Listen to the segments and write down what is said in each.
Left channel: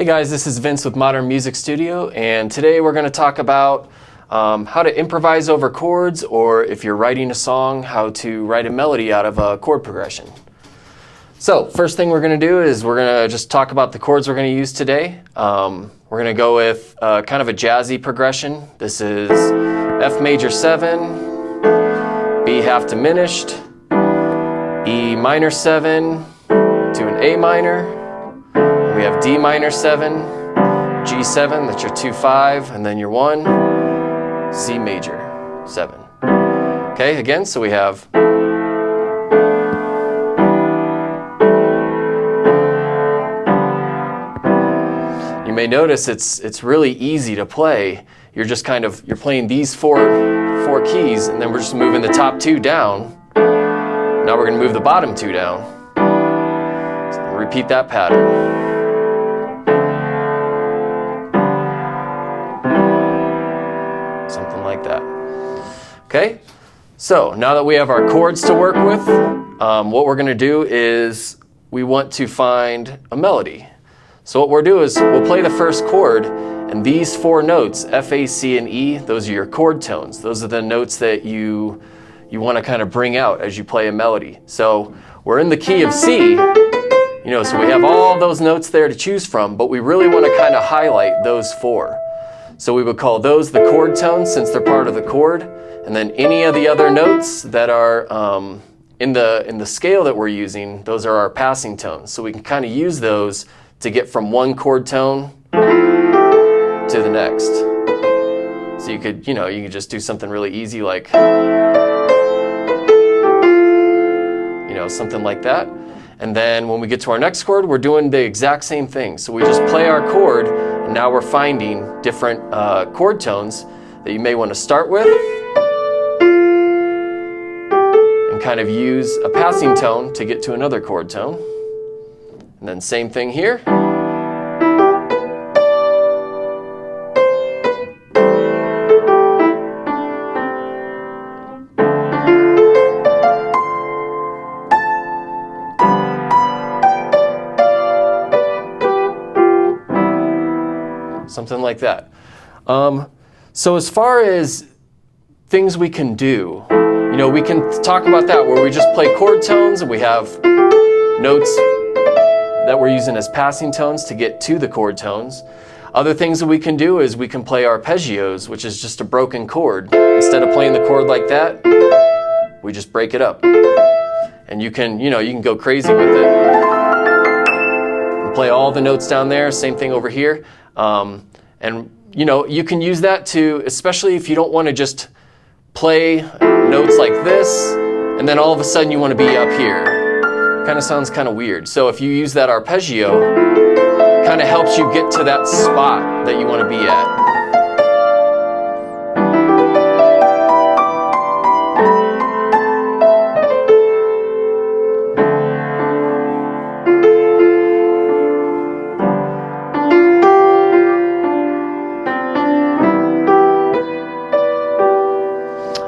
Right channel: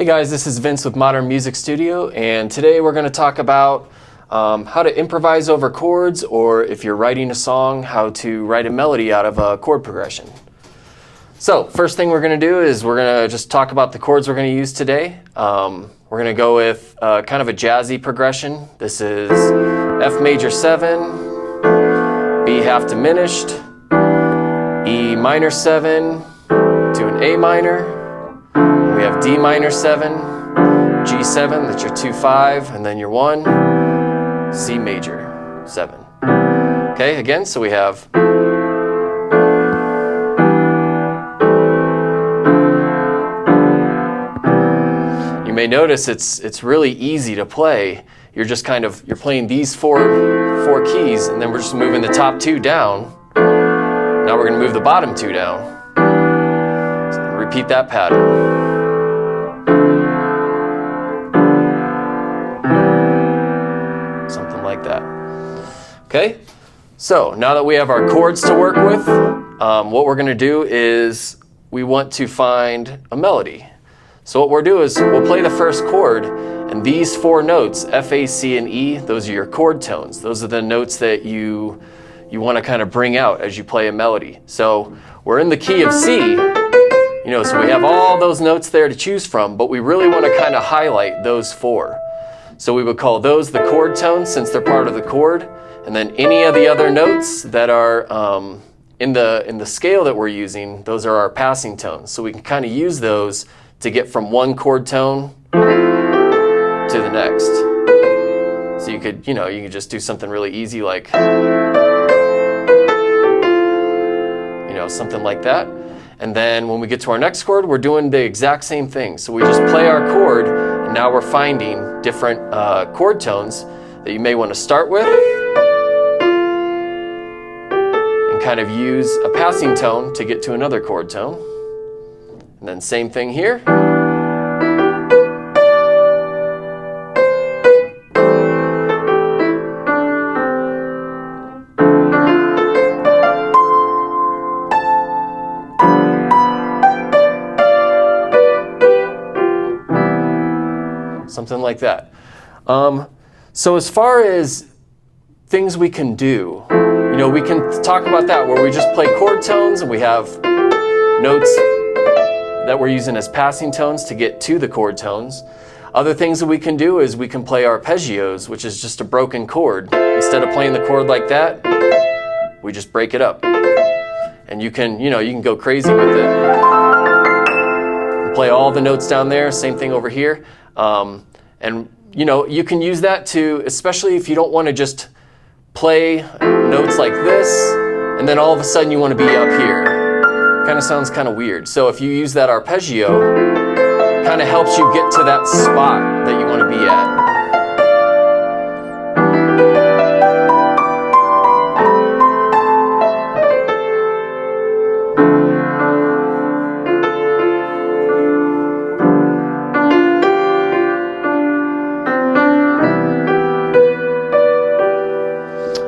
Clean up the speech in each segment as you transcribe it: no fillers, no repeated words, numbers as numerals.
Hey guys, this is Vince with Modern Music Studio, and today we're going to talk about how to improvise over chords, or if you're writing a song, how to write a melody out of a chord progression. So first thing we're going to do is we're going to just talk about the chords we're going to use today. We're going to go with kind of a jazzy progression. This is F major 7, B half diminished, E minor 7 to an A minor. We have D minor 7, G7, that's your 2-5, and then your 1, C major 7. Okay, again, so we have you may notice it's really easy to play. You're just you're playing these four keys, and then we're just moving the top 2 down. Now we're going to move the bottom 2 down. So repeat that pattern. Something like that. Okay, so now that we have our chords to work with, what we're going to do is we want to find a melody. So what we'll do is we'll play the first chord, and these 4 notes, F, A, C, and E, those are your chord tones. Those are the notes that you want to kind of bring out as you play a melody. So we're in the key of C, so we have all those notes there to choose from, but we really want to kind of highlight those 4. So we would call those the chord tones since they're part of the chord, and then any of the other notes that are in the scale that we're using, those are our passing tones. So we can kind of use those to get from one chord tone to the next. So you could just do something really easy like, something like that. And then when we get to our next chord, we're doing the exact same thing. So we just play our chord, and now we're finding different chord tones that you may want to start with and kind of use a passing tone to get to another chord tone. And then same thing here. Something like that. So as far as things we can do, we can talk about that where we just play chord tones and we have notes that we're using as passing tones to get to the chord tones. Other things that we can do is we can play arpeggios, which is just a broken chord. Instead of playing the chord like that, we just break it up. And you can go crazy with it. And play all the notes down there, same thing over here. And you can use that to, especially if you don't want to just play notes like this, and then all of a sudden you want to be up here. Kind of sounds kind of weird. So if you use that arpeggio, kind of helps you get to that spot that you want to be at.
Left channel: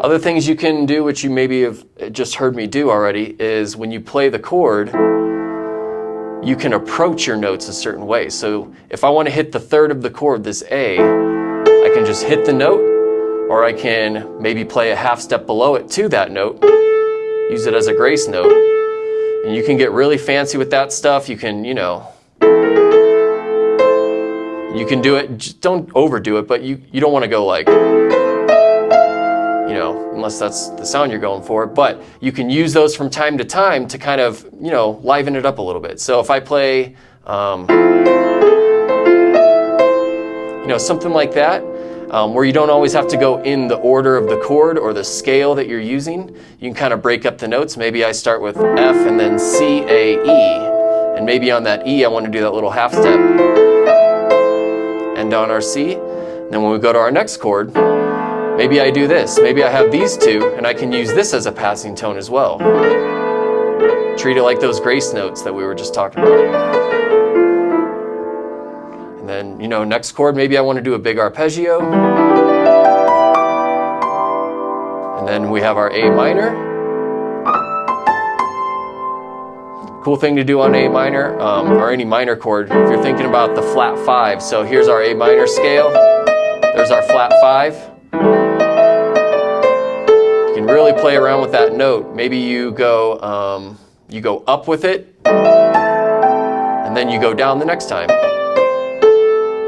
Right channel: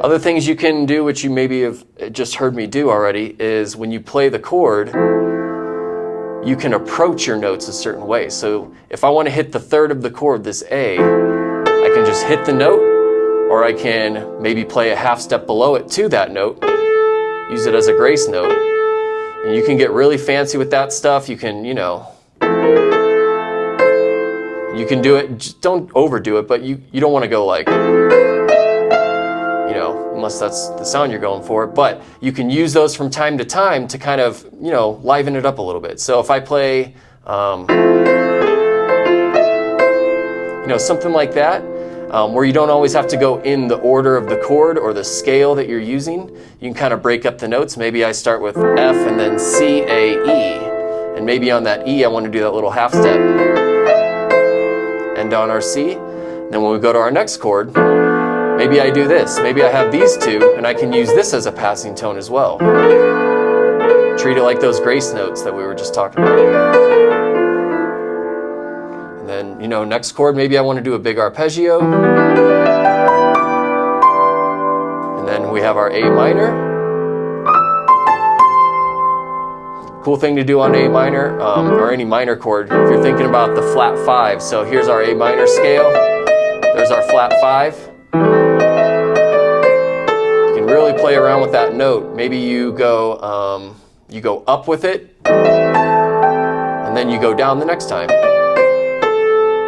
Other things you can do, which you maybe have just heard me do already, is when you play the chord, you can approach your notes a certain way. So if I want to hit the third of the chord, this A, I can just hit the note, or I can maybe play a half step below it to that note, use it as a grace note. And you can get really fancy with that stuff. You can, you can do it, just don't overdo it, but you don't want to go like, unless that's the sound you're going for, but you can use those from time to time to kind of, liven it up a little bit. So if I play, something like that, where you don't always have to go in the order of the chord or the scale that you're using, you can kind of break up the notes. Maybe I start with F and then C, A, E, and maybe on that E I want to do that little half step. End on our C. And then when we go to our next chord, maybe I do this. Maybe I have these 2, and I can use this as a passing tone as well. Treat it like those grace notes that we were just talking about. And then, next chord, maybe I want to do a big arpeggio. And then we have our A minor. cool thing to do on A minor, or any minor chord, if you're thinking about the flat 5. So here's our A minor scale. There's our flat 5. You can really play around with that note. Maybe you go up with it, and then you go down the next time.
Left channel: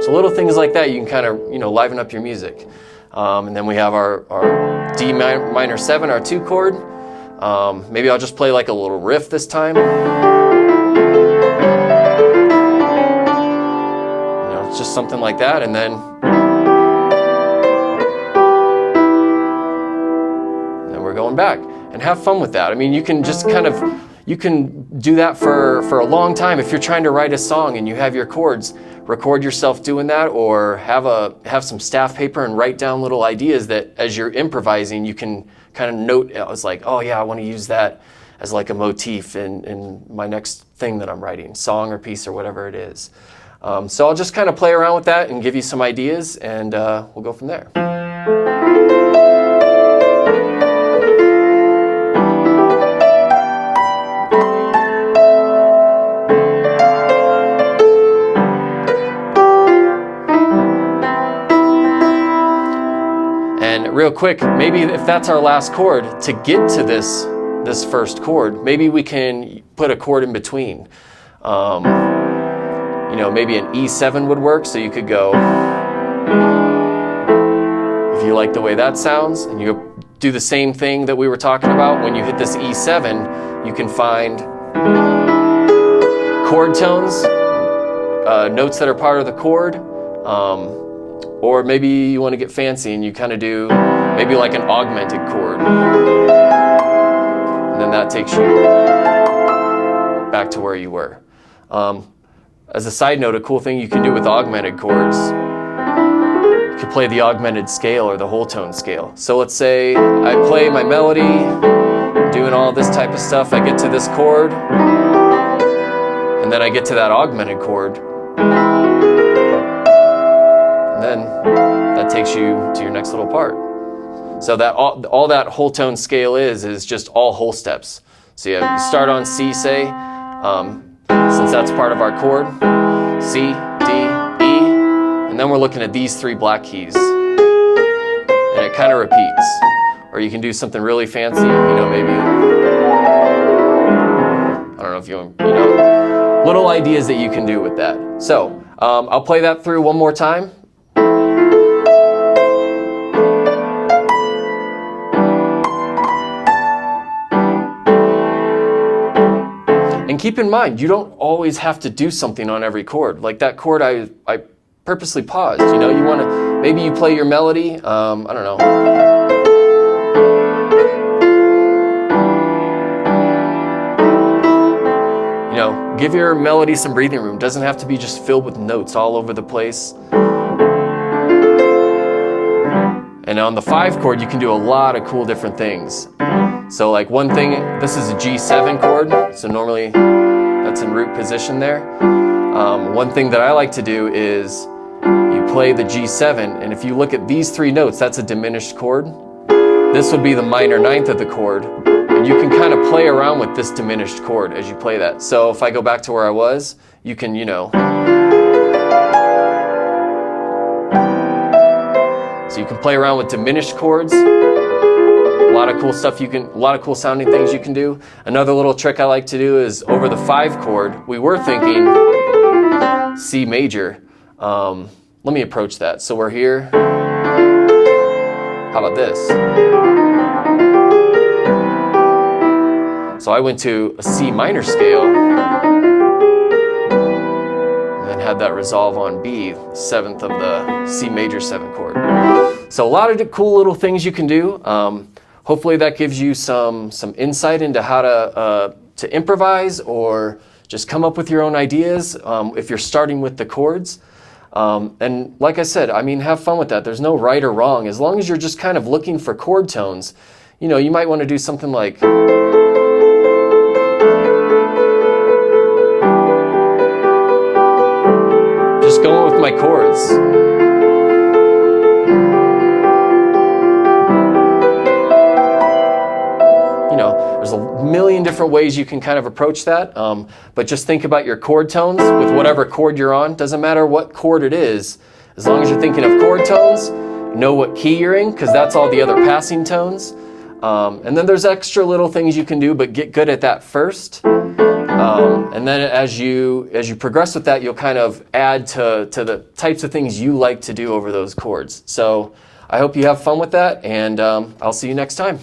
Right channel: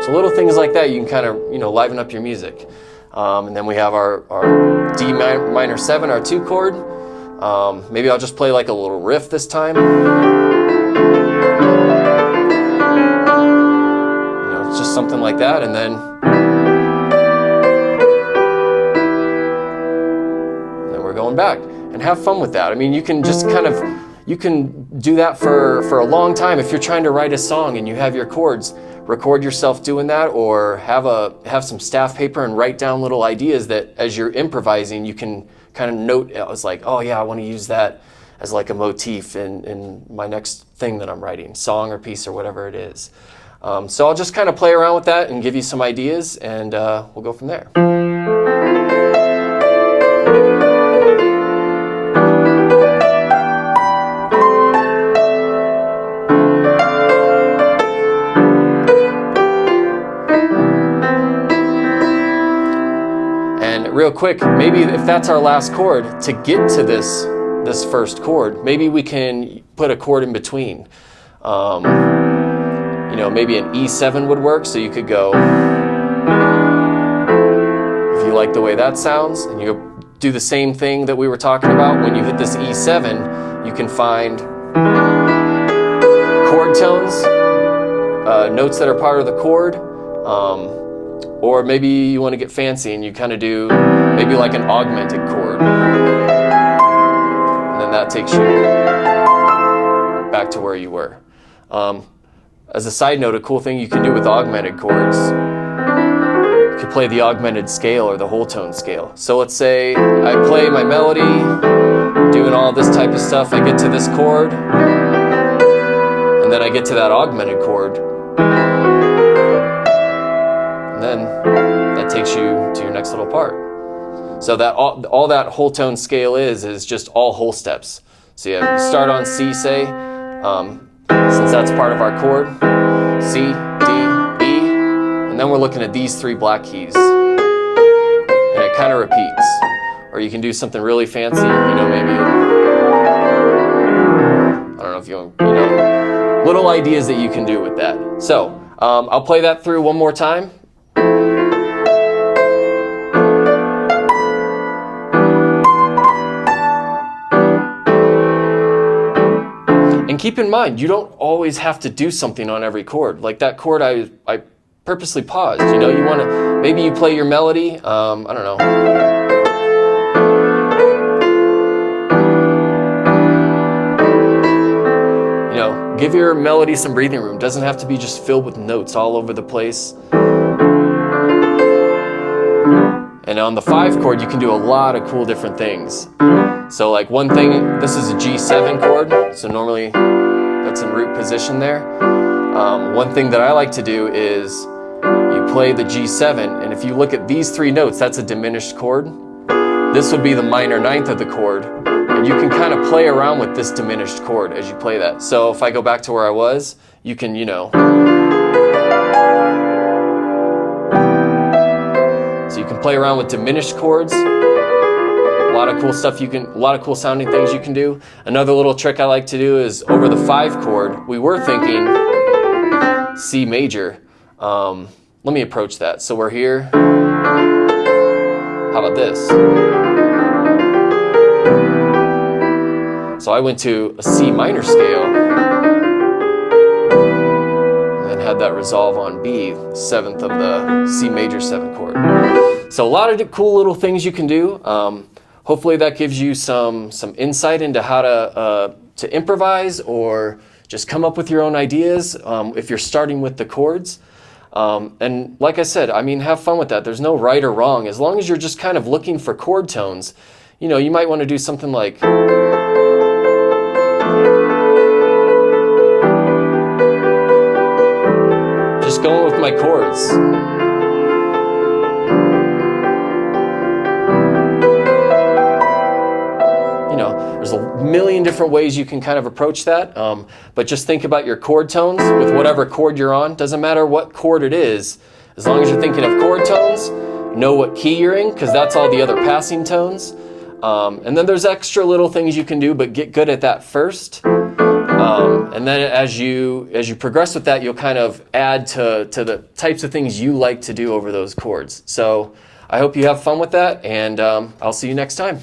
So little things like that, you can kind of, liven up your music. And then we have our D minor 7, our 2 chord. Maybe I'll just play like a little riff this time. It's just something like that, and then we're going back. And have fun with that. I mean, you can just you can do that for a long time. If you're trying to write a song and you have your chords, record yourself doing that, or have some staff paper and write down little ideas that as you're improvising, you can kind of note. It's like, oh yeah, I want to use that as like a motif in my next thing that I'm writing, song or piece or whatever it is. So I'll just kind of play around with that and give you some ideas, and we'll go from there. And real quick, maybe if that's our last chord, to get to this first chord, maybe we can put a chord in between. Maybe an E7 would work, so you could go, if you like the way that sounds, and you do the same thing that we were talking about. When you hit this E7, you can find chord tones, notes that are part of the chord, or maybe you want to get fancy and you kind of do maybe like an augmented chord. And then that takes you back to where you were. As a side note, a cool thing you can do with augmented chords, you can play the augmented scale or the whole tone scale. So let's say I play my melody, doing all this type of stuff, I get to this chord, and then I get to that augmented chord, and then that takes you to your next little part. So that all that whole tone scale is just all whole steps. So you start on C, say, since that's part of our chord, C, D, E, and then we're looking at these 3 black keys, and it kind of repeats. Or you can do something really fancy, maybe, I don't know if little ideas that you can do with that. So I'll play that through one more time. And keep in mind, you don't always have to do something on every chord. Like that chord, I purposely paused. You want to, maybe you play your melody, I don't know. Give your melody some breathing room. It doesn't have to be just filled with notes all over the place. And on the 5 chord, you can do a lot of cool different things. So like one thing, this is a G7 chord, so normally that's in root position there. One thing that I like to do is you play the G7, and if you look at these 3 notes, that's a diminished chord. This would be the minor 9th of the chord, and you can kind of play around with this diminished chord as you play that. So if I go back to where I was, you can, so you can play around with diminished chords. A lot of cool stuff a lot of cool sounding things you can do. Another little trick I like to do is over the 5 chord, we were thinking C major. Let me approach that. So we're here. How about this? So I went to a C minor scale and then had that resolve on B, 7th of the C major 7 chord. So a lot of cool little things you can do. Hopefully that gives you some insight into how to improvise or just come up with your own ideas if you're starting with the chords. And like I said, have fun with that. There's no right or wrong. As long as you're just kind of looking for chord tones, you might want to do something like just going with my chords. There's a million different ways you can kind of approach that, but just think about your chord tones with whatever chord you're on. Doesn't matter what chord it is, as long as you're thinking of chord tones, know what key you're in, because that's all the other passing tones. And then there's extra little things you can do, but get good at that first. And then as you progress with that, you'll kind of add to the types of things you like to do over those chords. So I hope you have fun with that, and I'll see you next time.